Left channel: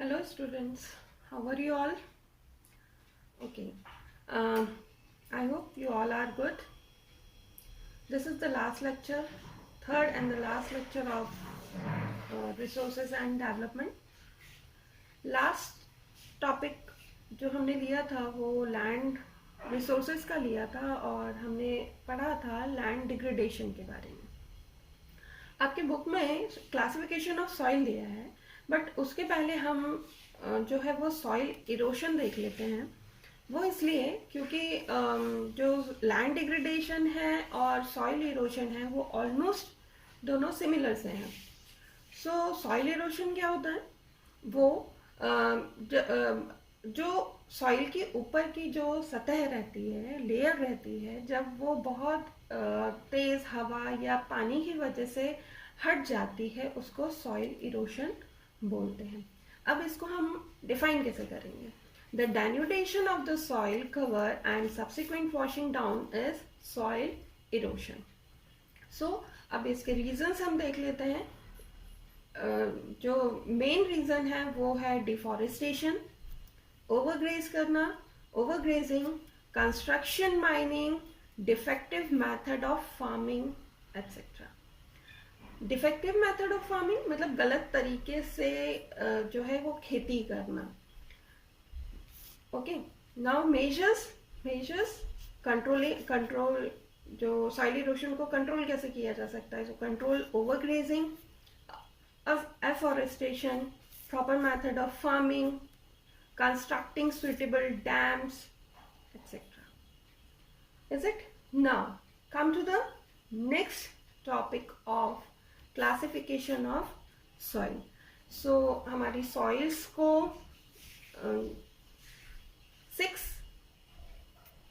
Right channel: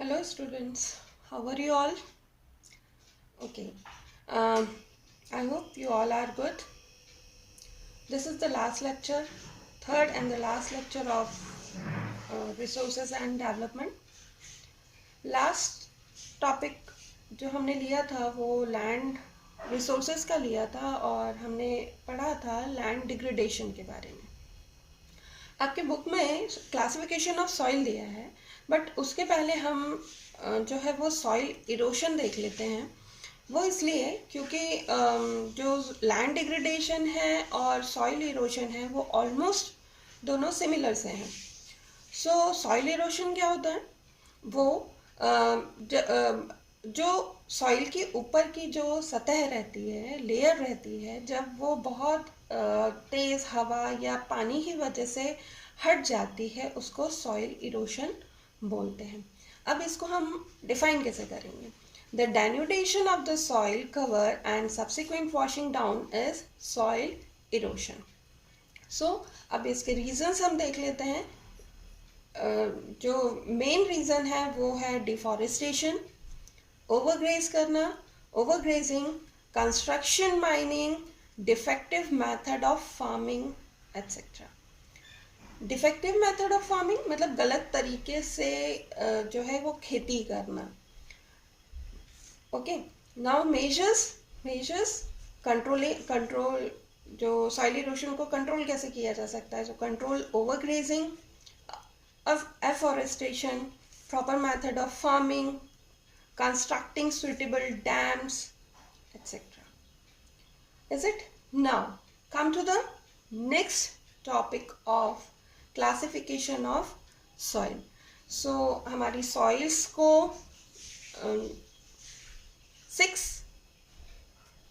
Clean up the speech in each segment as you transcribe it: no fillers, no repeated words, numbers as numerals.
Hello students, how are you all? Okay, um, I hope you all are good. This is the last lecture, third and the last lecture of resources and development. Last topic जो हमने लिया था वो land resources का लिया था और हमने पढ़ा था लैंड डिग्रेडेशन के बारे में। आपके बुक में क्लासिफिकेशन ऑफ सॉइल दिया है, बट उसके पहले हम जो है वो सॉइल इरोशन देख लेते हैं। वो इसलिए क्योंकि जो लैंड डिग्रेडेशन है और सॉइल इरोशन है वो ऑलमोस्ट दोनों सिमिलर से हैं। सो सॉइल इरोशन क्या होता है? वो जो सॉइल के ऊपर की जो सतह रहती है, लेयर रहती है, जब वो बहुत तेज़ हवा या पानी की वजह से हट जाती है उसको सॉइल इरोशन बोलते हैं। अब इसको हम डिफाइन कैसे करेंगे? The denudation of the soil cover and subsequent washing down is soil erosion. So अब इसके रीजंस हम देख लेते हैं। जो मेन रीज़न है वो है डिफॉरेस्टेशन, ओवरग्रेज करना, overgrazing, construction, mining, defective method of farming etcetera. Defective method of farming मतलब गलत तरीके से जो है वो खेती करना। ओके, नाउ मेजर्स कंट्रोल जो सॉइल इरोशन को कंट्रोल कैसे किया जा सकता है? So control overgrazing, afforestation, proper method of farming, constructing suitable dams, etc. Is it? Now come to the next topic of classification of soil. So हमारी soils को 6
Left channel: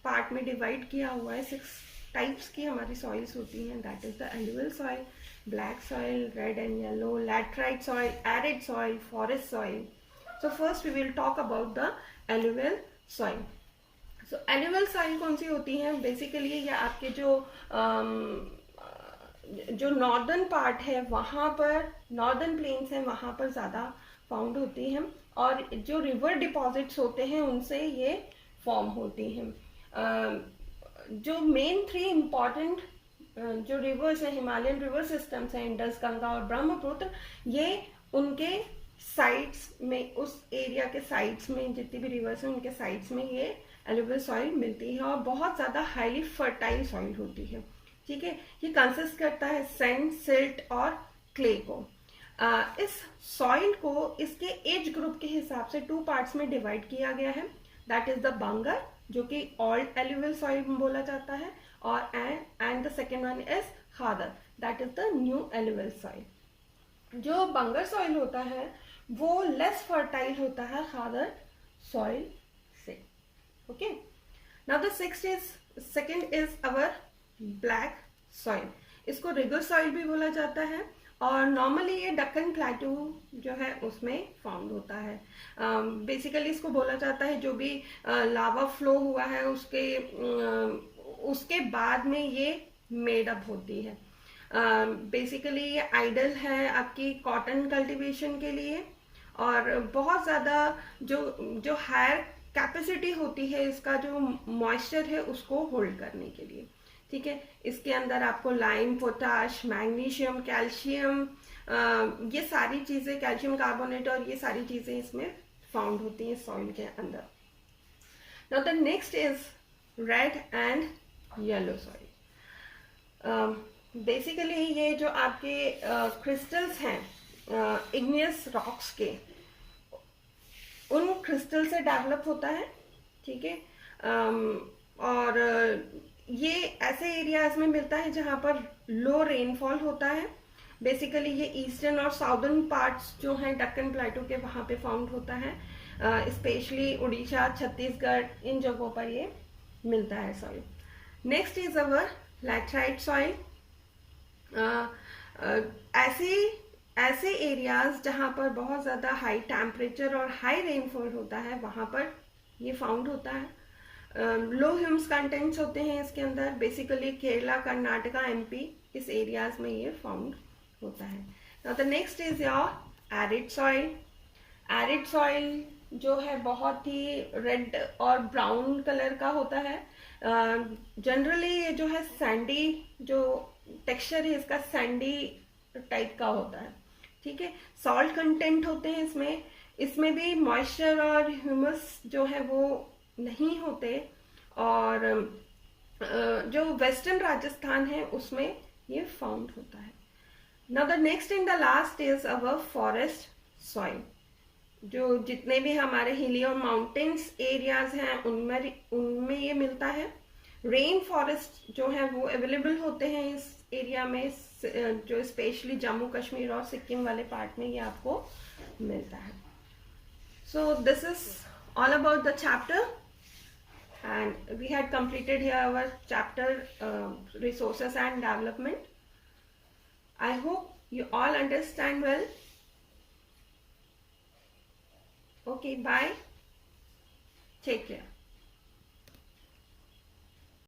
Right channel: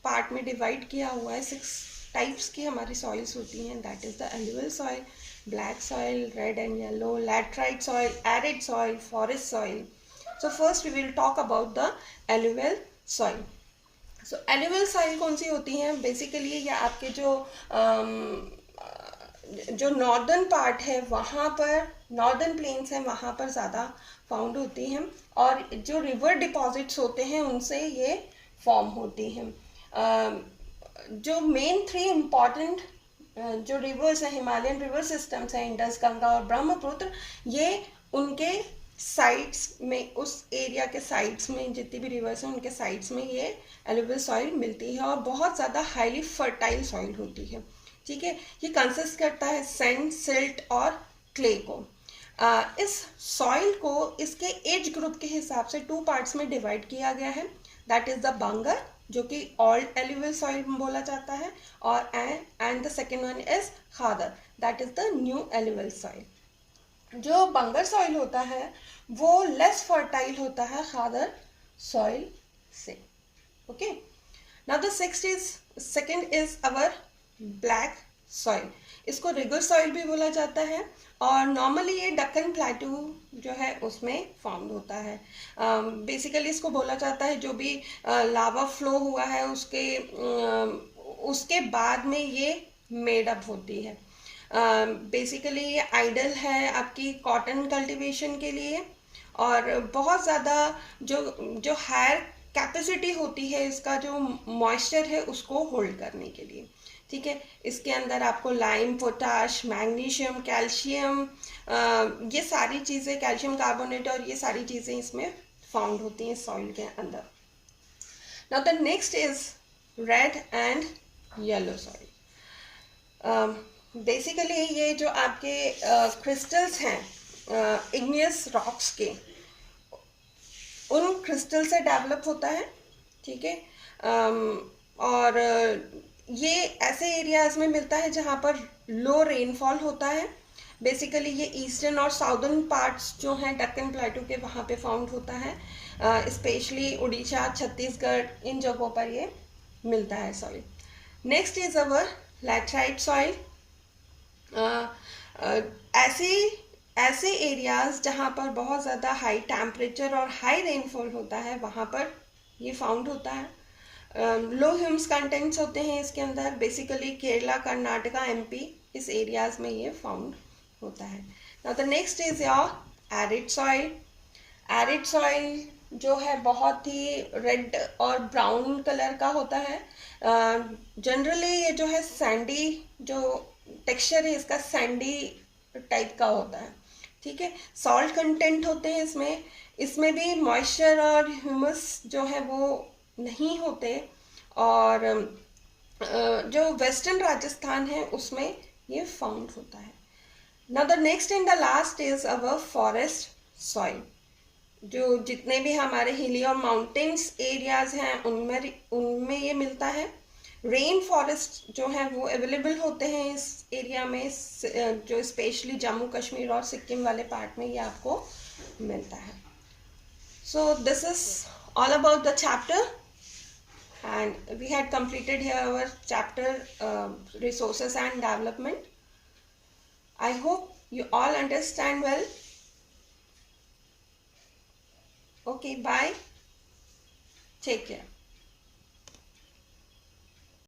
part में डिवाइड किया हुआ है। 6 टाइप्स की हमारी सॉइल्स होती हैं। That is the alluvial soil, black soil, red and yellow, laterite soil, arid soil, forest soil. So first we will talk about the alluvial soil. So alluvial soil कौन सी होती हैं? बेसिकली ये आपके जो नॉर्दर्न पार्ट है वहाँ पर, नॉर्दर्न प्लेन्स हैं वहाँ पर ज़्यादा फाउंड होती हैं, और जो रिवर डिपॉजिट्स होते हैं उनसे ये फॉर्म होती हैं। जो मेन 3 इम्पॉर्टेंट जो रिवर्स हैं, हिमालयन रिवर सिस्टम्स हैं, इंडस, गंगा और ब्रह्मपुत्र, ये उनके साइड्स में, उस एरिया के साइड्स में जितनी भी रिवर्स हैं उनके साइड्स में ये एलुवियल सॉइल मिलती है और बहुत ज़्यादा हाईली फर्टाइल सॉइल होती है। ठीक है, ये कंसिस्ट करता है सैंड, सिल्ट और क्ले को। इस सॉइल को इसके एज ग्रुप के हिसाब से 2 पार्ट्स में डिवाइड किया गया है। दैट इज द बंगर, जो कि ओल्ड एलुवियल सॉइल बोला जाता है, और and the second one is khadar, that is the new alluvial soil. जो बंगर सॉइल होता है वो लेस फर्टाइल होता है खादर सॉइल से। Okay, now the second is our black soil. इसको रिगर सॉइल भी बोला जाता है और नॉर्मली ये डक्कन प्लेटू जो है उसमें फाउंड होता है। बेसिकली इसको बोला जाता है जो भी लावा फ्लो हुआ है उसके बाद में ये मेड अप होती है। बेसिकली ये आइडल है आपकी कॉटन कल्टीवेशन के लिए, और बहुत ज़्यादा जो हायर कैपेसिटी होती है इसका जो मॉइस्चर है उसको होल्ड करने के लिए। ठीक है, इसके अंदर आपको लाइम, पोटाश, मैग्नीशियम, कैल्शियम, ये सारी चीज़ें, कैल्शियम कार्बोनेट और ये सारी चीज़ें इसमें फाउंड होती हैं सॉइल के अंदर। Now the next is red and yellow soil. Basically ये जो आपके क्रिस्टल्स हैं इग्नियस रॉक्स के, उन क्रिस्टल से डेवलप होता है। ठीक है, और ये ऐसे एरियाज में मिलता है जहाँ पर लो रेनफॉल होता है। बेसिकली ये ईस्टर्न और साउदर्न पार्ट्स जो हैं डक्कन प्लेटू के वहाँ पे फाउंड होता है, स्पेशली उड़ीसा, छत्तीसगढ़, इन जगहों पर ये मिलता है soil. Next is our laterite soil. ऐसे एरियाज जहाँ पर बहुत ज़्यादा हाई टेम्परेचर और हाई रेनफॉल होता है वहाँ पर ये फाउंड होता है। लो ह्यूम्स कंटेंट्स होते हैं इसके अंदर। बेसिकली केरला, कर्नाटका, एमपी, इस एरियाज में ये फाउंड होता है। Now the next is your arid soil. Arid soil जो है बहुत ही रेड और ब्राउन कलर का होता है। जनरली ये जो है सैंडी, जो टेक्सचर है इसका सैंडी टाइप का होता है। ठीक है, सॉल्ट कंटेंट होते हैं इसमें, इसमें भी मॉइस्चर और ह्यूमस जो है वो नहीं होते। और जो वेस्टर्न राजस्थान है उसमें ये फाउंड होता है। Now the next and the last is our forest soil. जो जितने भी हमारे हिली और माउंटेन्स एरियाज हैं उनमें ये मिलता है। रेन फॉरेस्ट जो है वो अवेलेबल होते हैं इस एरिया में, जो स्पेशली जम्मू कश्मीर और सिक्किम वाले पार्ट में ये आपको मिलता है। So this is all about the chapter, and we had completed here our chapter resources and development. I hope you all understand well. Okay, bye, take care.